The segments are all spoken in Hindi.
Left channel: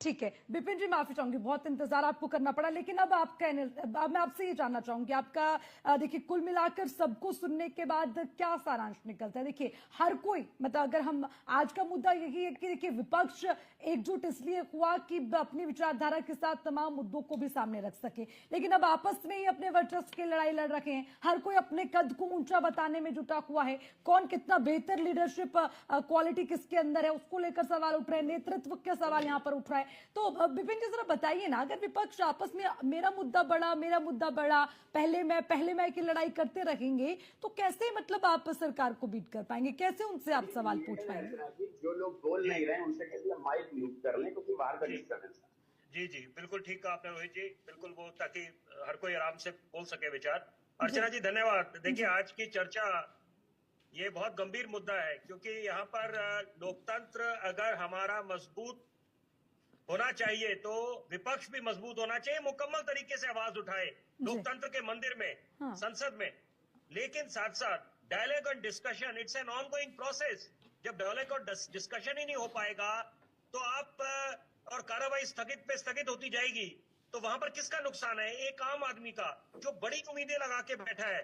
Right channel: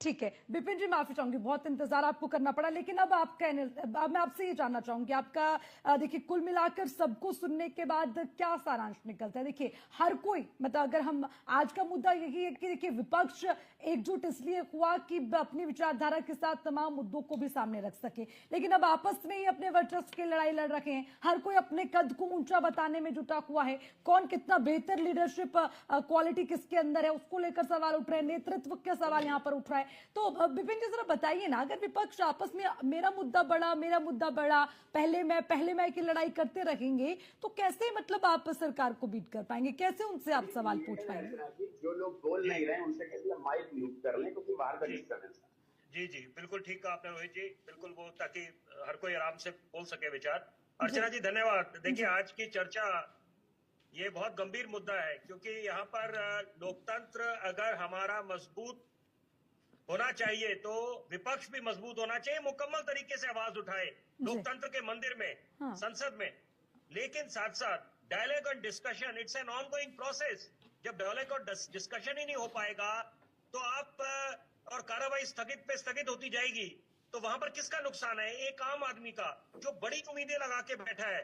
ठीक है विपिन जी, माफी चाहूंगी, बहुत इंतजार आपको करना पड़ा, लेकिन अब मैं आपसे ये जानना चाहूंगी, आपका देखिए कुल मिलाकर सबको सुनने के बाद क्या सारांश निकलता है? देखिए हर कोई, मतलब अगर हम, आज का मुद्दा यही है कि देखिए विपक्ष एकजुट इसलिए हुआ कि अपनी विचारधारा के साथ तमाम मुद्दों को भी सामने रख सके, लेकिन अब आपस में ही अपने वर्चस्व की लड़ाई लड़ रखे हैं, हर कोई अपने कद को ऊंचा बताने में जुटा हुआ है, कौन कितना बेहतर लीडरशिप क्वालिटी किसके अंदर है उसको लेकर सवाल उठ रहे हैं, नेतृत्व के सवाल यहां पर उठ रहा है। तो विपिन जी जरा बताइए ना, अगर विपक्ष आपस में मेरा मुद्दा बड़ा, पहले मैं की लड़ाई करते रहेंगे तो कैसे, मतलब आप सरकार को बीट कर पाएंगे? कैसे उनसे आप सवाल पूछ पाएंगे? जो लोग बोल नहीं रहे हैं उनसे कैसे माइक म्यूट कर लें, क्योंकि बाहर का डिस्टर्बेंस। जी जी बिल्कुल ठीक कहा आपने रोहित जी, बिल्कुल, वो ताकि हर कोई आराम से बोल सके विचार। अर्चना जी धन्यवाद। देखिए आज की चर्चा ये बहुत गंभीर मुद्दा है, क्योंकि यहाँ पर लोकतंत्र अगर हमारा मजबूत होना चाहिए तो विपक्ष भी मजबूत होना चाहिए, मुकम्मल तरीके से आवाज उठाए लोकतंत्र के मंदिर में, संसद में। लेकिन साथ साथ डायलॉग और discussion, it's an ongoing process. जब डायलॉग और डिस्कशन ही नहीं हो पाएगा तो आप और कार्रवाई स्थगित पे स्थगित होती जाएगी, तो वहां पर किसका नुकसान है? एक आम आदमी का, जो बड़ी उम्मीदें लगा के बैठा है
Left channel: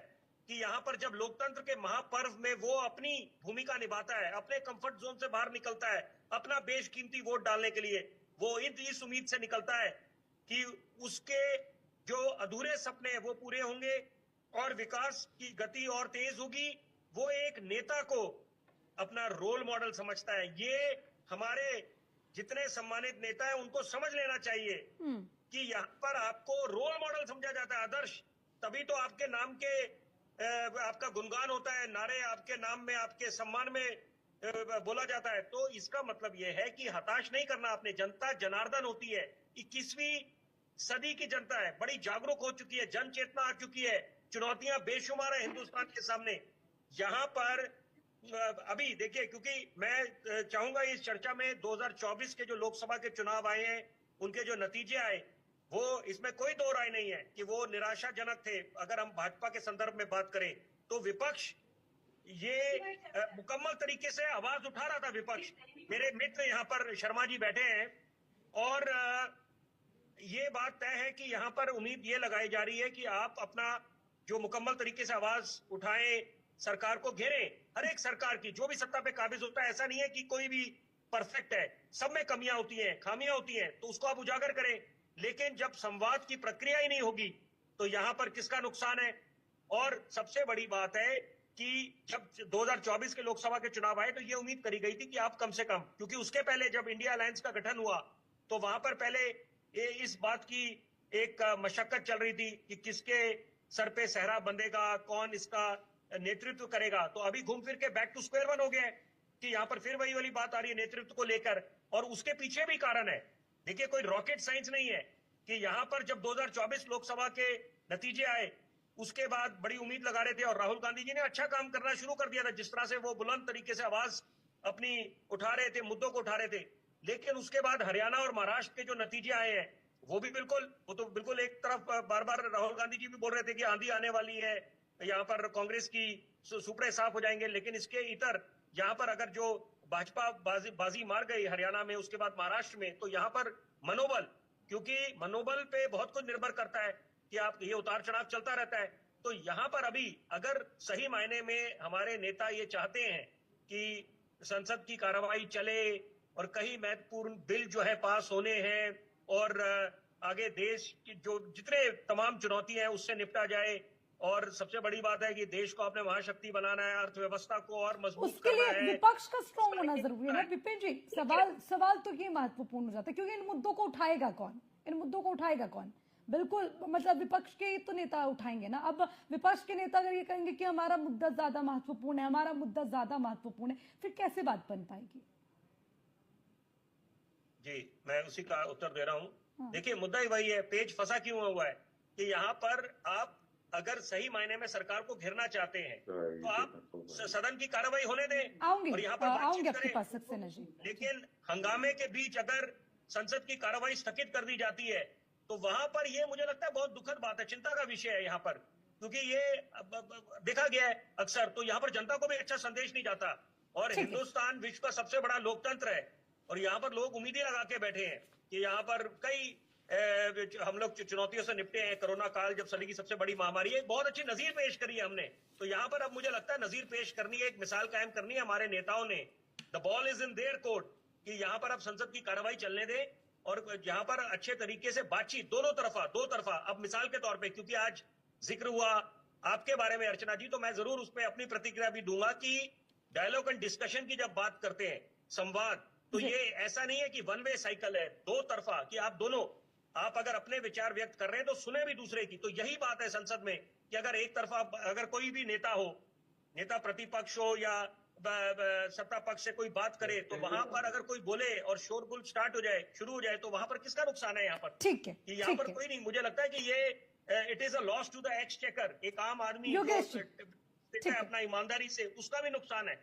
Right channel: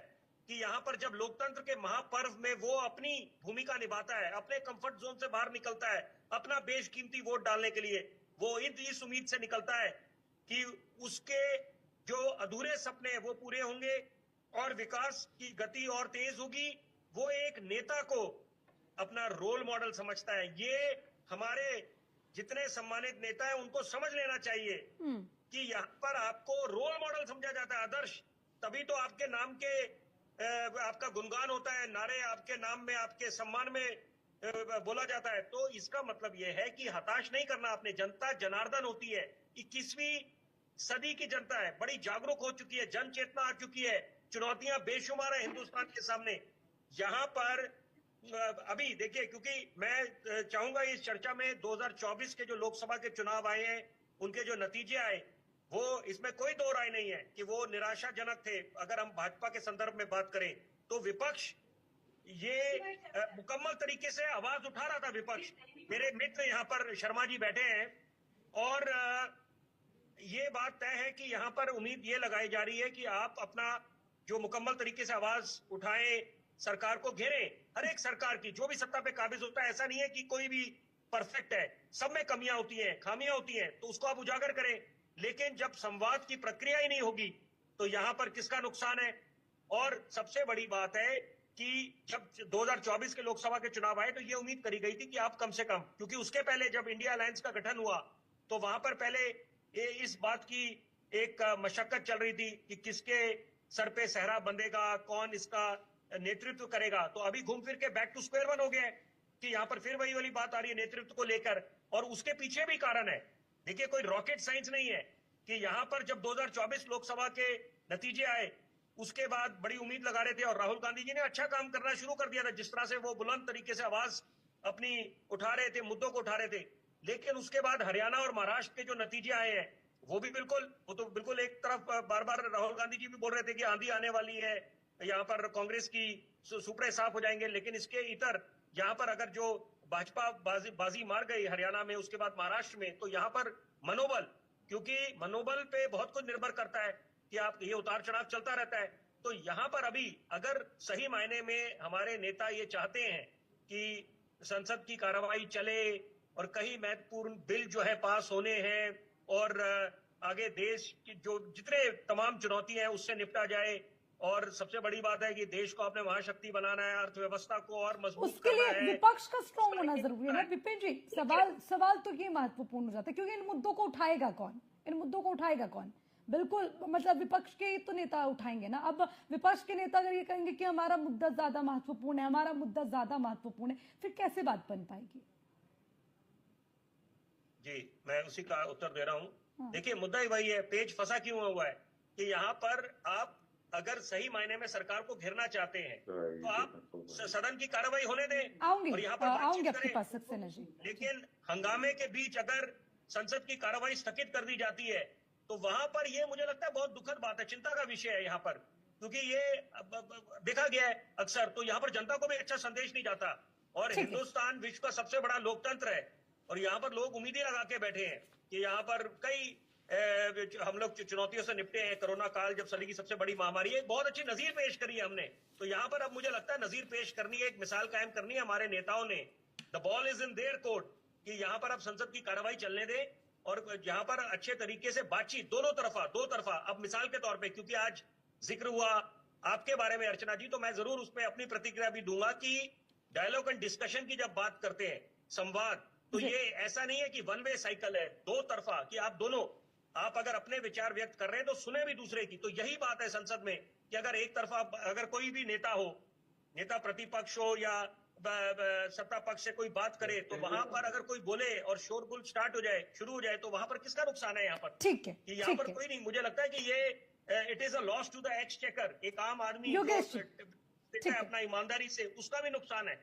कि यहाँ पर जब लोकतंत्र के महापर्व में वो अपनी भूमिका निभाता है, अपने कंफर्ट जोन से बाहर निकलता है, अपना बेशकीमती वोट डालने के लिए, वो इस उम्मीद से निकलता है कि उसके जो अधूरे सपने हैं वो पूरे होंगे और विकास की गति और तेज होगी। वो एक नेता को अपना रोल मॉडल समझता है। ये हमारे जितने सम्मानित नेता हैं उनको समझ लेना चाहिए कि यहाँ पर आपको रोल मॉडल समझा जाता है, आदर्श, तभी तो आपके नाम के आपका गुणगान होता है, नारे आपके नाम में, आपके सम्मान में बोला जाता है। तो इसका मतलब यह है कि हताश नहीं करना आपने। जनता जनार्दन होती है, 21वीं सदी की जनता है, बड़ी जागरूक हो चुकी है, जन चेतना आ चुकी है, चुनौतियां बेशुमार है हिंदुस्तान के सामने। यहाँ पर अभी देखिए, क्योंकि मैं चाहूंगा इस चर्चा में 2024 के जो लोकसभा के चुनाव आए हैं उनके जो नतीजे आए, वो इसमें कोई दो राय नहीं है कि वो निराशाजनक थे। अगर हम भाजपा के संदर्भ में बात करें तो विपक्ष ये मुकम्मल तरीके से आवाज उठा रहा था। विपक्ष, मेरे मित्र यहाँ पर शर्मा जी बैठे हैं, और ये बात तय है कि यहाँ पर उम्मीद ये लगाई जा रही है कि आप अपना जो मुकम्मल तरीके से आवाज उठाए, सरकार को घेरे। हर एक सरकार की जो भी सत्ता पे काबिज होता है, ऐसा नहीं है कि कोई भी परफेक्ट है, सब में कमियां होती हैं, खामियां होती हैं, तो उसको आप उजागर करें। लेकिन जब संवाद की प्रक्रिया ही नहीं होगी तो यहाँ पर किसका नुकसान है? और सबसे बड़ी बात है कि जब 2024 के लोकसभा के चुनाव आए तो ये उम्मीद करी गई थी कि आप कम से कम, क्योंकि उसके पहले जब इंडिया अलायंस का गठन हुआ तो वहां पर पहले इस बात की एक मशक्कत चल रही थी कि किसके सर पे सहरा बंधेगा, कौन इसका नेतृत्व करेगा। तो अभी घूम फिर के बैक टू स्क्वायर वन हो गया है कि यहाँ पर फिर वही वाली बात आ रही है नेतृत्व को लेकर, और उसके पीछे भी कारण है। देखिए कोई रॉकेट साइंस नहीं है कि यहाँ पर जब 2024 लोकसभा के नतीजे आए उसके बाद बड़ी उम्मीद लगा रहे थे, और राहुल गांधी जी ने अच्छा काम करना शुरू कर दिया था, जिस तरह से वो बुलंद तरीके से आवाज अपनी उठा रहे थे, मुद्दों को उठा रहे थे। लेकिन उसके बाद हरियाणा और महाराष्ट्र के जो नतीजे आए हैं वो तो बिल्कुल एक तरफ बार बार राहुल गांधी जी भी बोल रहे थे कि आंधी आने वाली है, यहाँ पर कांग्रेस की सुपड़े साफ हो जाएंगे। लेकिन इसके इतर यहाँ पर अगर जो भाजपा बाजी मार गई हरियाणा में, उसके बाद महाराष्ट्र में, तो यहाँ पर मनोबल, क्योंकि मनोबल पे बहुत कुछ निर्भर करता है कि आप, ये उतार चढ़ाव चलता रहता है। तो यहाँ पर अभी अगर सही मायने में हमारे नेता ये चाहते हैं कि संसद की कार्रवाई चले और कई महत्वपूर्ण बिल जो है पास होने हैं और आगे देश की जो जितने तमाम चुनौतियां हैं उससे निपटा जाए, और सबसे बड़ी बात है कि देश को अपने महाशक्ति बनाना है, अर्थव्यवस्था को और मजबूत करना है, उसके लिए विपक्ष का स्ट्रॉन्ग होना जरूरी है ना विपिन जी। सवाल तो ये महत्वपूर्ण हो जाता है, क्योंकि इन मुद्दों को उठाएगा कौन? बिल्कुल, मतलब विपक्ष के ही तो नेता उठाएंगे ना। अब विपक्ष के नेता अगर ये कहेंगे कि हमारा मुद्दा ज्यादा महत्वपूर्ण है, फिर कैसे बात बन पाएगी? जी मैं उसी का उत्तर दे रहा हूँ। देखिए मुद्दा ही वही है, पेच फंसा क्यों हुआ है कि यहाँ पर आप अगर सही मायने में सरकार को घेरना चाहते हैं तो आप सदन की कार्रवाई होने दें और यहाँ पर आपके पास सक्सेना जी। लेकिन हंगामे के बीच अगर संसद की कार्रवाई स्थगित कर दी जाती है तो वहां पर ये मुझे लगता है बहुत दुखद बात है, चिंता का विषय है यहाँ पर, क्योंकि ये देखा गया है अक्सर। तो यहाँ पर जनता को भी अच्छा संदेश नहीं जाता, और हिंदुस्तान विश्व का सबसे बड़ा लोकतंत्र है और यहाँ पर लोग उम्मीदें लगा के बैठे हैं कि यहाँ पर कई हम लोग चुनौतियों से निपटे हैं। कोरोना काल जब सदी की सबसे बड़ी महामारी है, बहुत अच्छी नजीर पेश करी है हमने। तो यहाँ पर अब मुझे लगता है नजीर पेश करनी है, एक मिसाल कायम करनी है हमारे नेताओं ने। The ball is in their court कि यहाँ पर अब संसद की कार्रवाई चलने दें और यहाँ पर अच्छे तरीके से बातचीत दो तरफा। अब मिसाल के तौर पे, क्योंकि आज जिक्र हुआ आपके बारे में अर्चना जी, तो मैं जरूर उस पर अपनी प्रतिक्रिया भी दूंगा कि डायलॉग एंड डिस्कशन की जब बात करते हैं, संवाद, तो ये ऐसा नहीं है कि वन वे साइकिल है, दो तरफा, कि आप अगर अपने विचार व्यक्त कर रहे हैं तो सुने भी दूसरे की। तो यही बात है संसद में कि अगर एक तरफा, अगर कोई भी नेता हो, नेता प्रतिपक्ष हो या सत्ता पक्ष से कोई बात करे, तो वहां पर अगर कोई बोले और शोरगुल शुरू हो जाए तो वहां पर किसका नुकसान है? यहाँ पर ठीक है, कि यहाँ पर कोई नहीं। मुझे लगता है कि ये it is a loss to the exchequer. एक आम आदमी योगेश जी, अपना ईमानदारी से, उसका भी नुकसान है।